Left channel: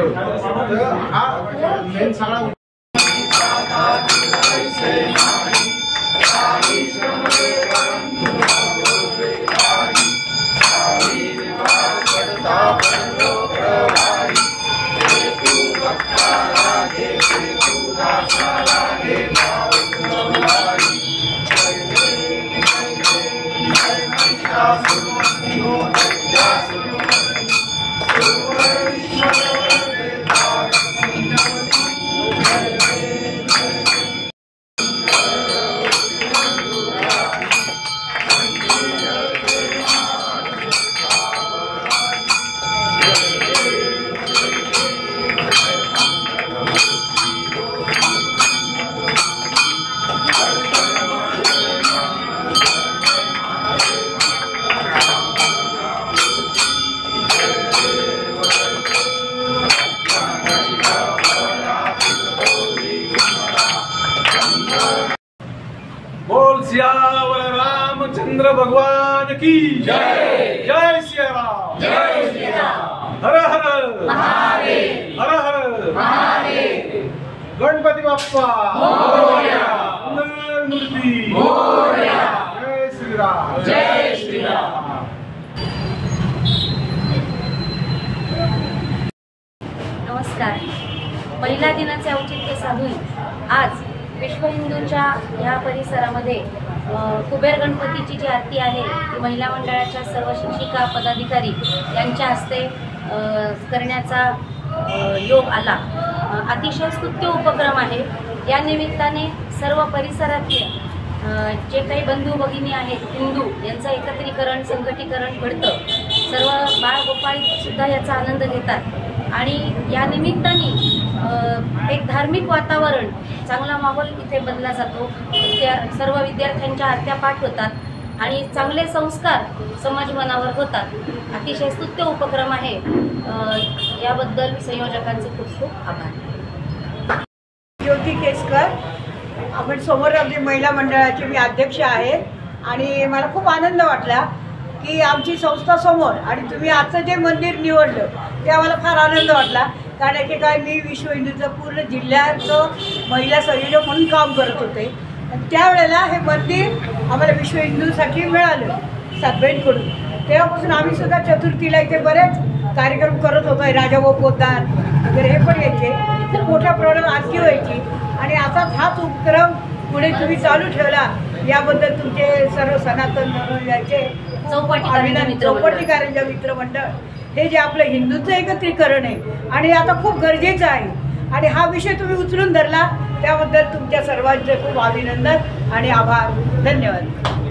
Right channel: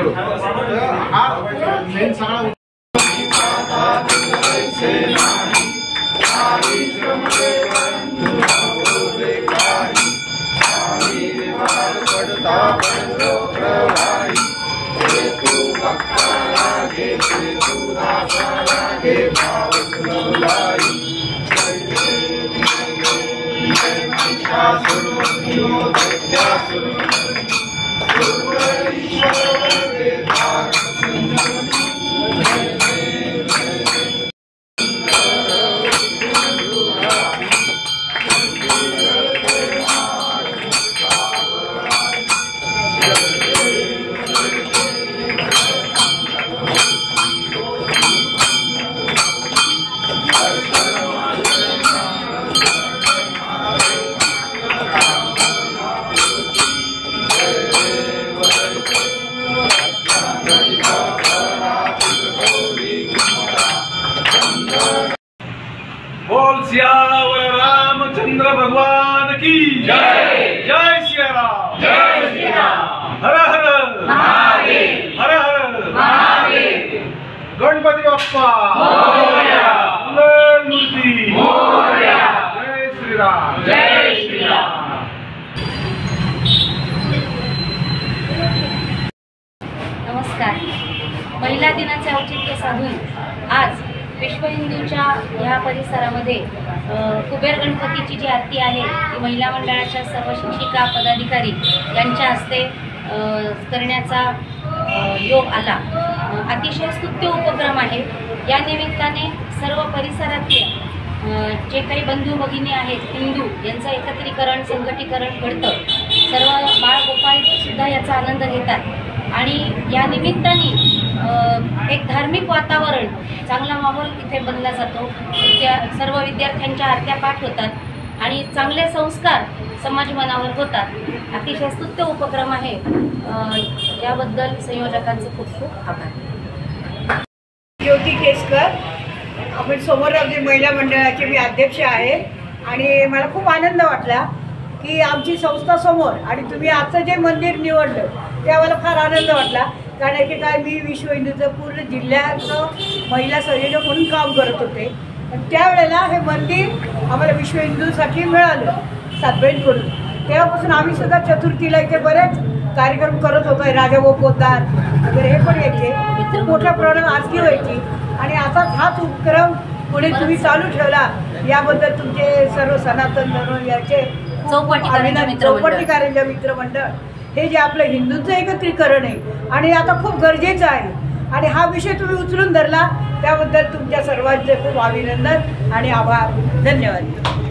हा मेन सगळा बोल सियावर रामचंद्र भगवान की जय। जय श्री राम। जय श्री राम। हर हर महादेव। हर हर महादेव। गणपती बाप्पा मोरया। मूर्ती मोरया। जय श्री राम। जय श्री राम। नमस्कार। महिला दिनाचे औचित्य साधून आज विश्व हिंदूच्या ह्या परिसरामध्ये कुबेर गणपतीची जी आरती आहे ती महिला मंडळाच्या सर्व शिक्षिका पदाधिकारी यांच्या हस्ते करण्याचा योग आला। अतिशय स्तुत्य उपक्रम आहे। या निमित्ताने सर्व परिसरातले जे काही बंधू भगिनी आहेत हिंदू यांचं एकत्रीकरण संघटीकरण घडतं। सर्व बाळ गोपाळ सुद्धा याचा आनंद घेतात आणि या निमित्ताने एक धार्मिक वातावरण चांगला माहोल इथे बनला जातो। सर्व विद्यार्थ्यांच्या आरत्या पाठ होतात आणि चांगले संस्कार समाज मनावर होतात। अतिशय स्तुत्य उपक्रम आहे। याबद्दल संयोजकांचे खूप खूप आभार। ज्योती केसकर, आपण सोमररावजी महिला मंडळाचे मी अध्यक्ष आहे आणि मला खूप आनंद वाटला की आमची संस्था समोर आणि तुम्ही आजचं जे मंदिर निवडलं ते आम्हाला फार आनंद वाटला। कारण की काय मी विश्व हिंदूचं पूर्ण जिल्ह्याचं महिला संयोजक म्हणून काम करत होते आणि त्यावेळेला हे मंदिर आम्हाला विश्व हिंदूसाठी मिळालं सातबईंकडून। तेव्हापासून आम्ही सुद्धा चतुर्थीला इथे बरेच कार्यक्रम करत होतो। राजाभाऊ पोद्दार वगैरे हे पण यायचे, खूप मोठ्या प्रमाणात आजकी व्हायची आणि आता हाच उपक्रम पुढे तुम्ही चालू ठेवला याबद्दल तुमचे सर्व सनातन धर्माचे चौपटी कारंजा मित्र मंडळ हे जे आपलं हिंदूंचं एकत्रीकरण आहे आणि आता खूप गरजेचं आहे आणि हा विषय तुम्ही उचलून धरला त्याबद्दल तुमच्या सर्वांचे खूप अभिनंदन आणि आभार। धन्यवाद।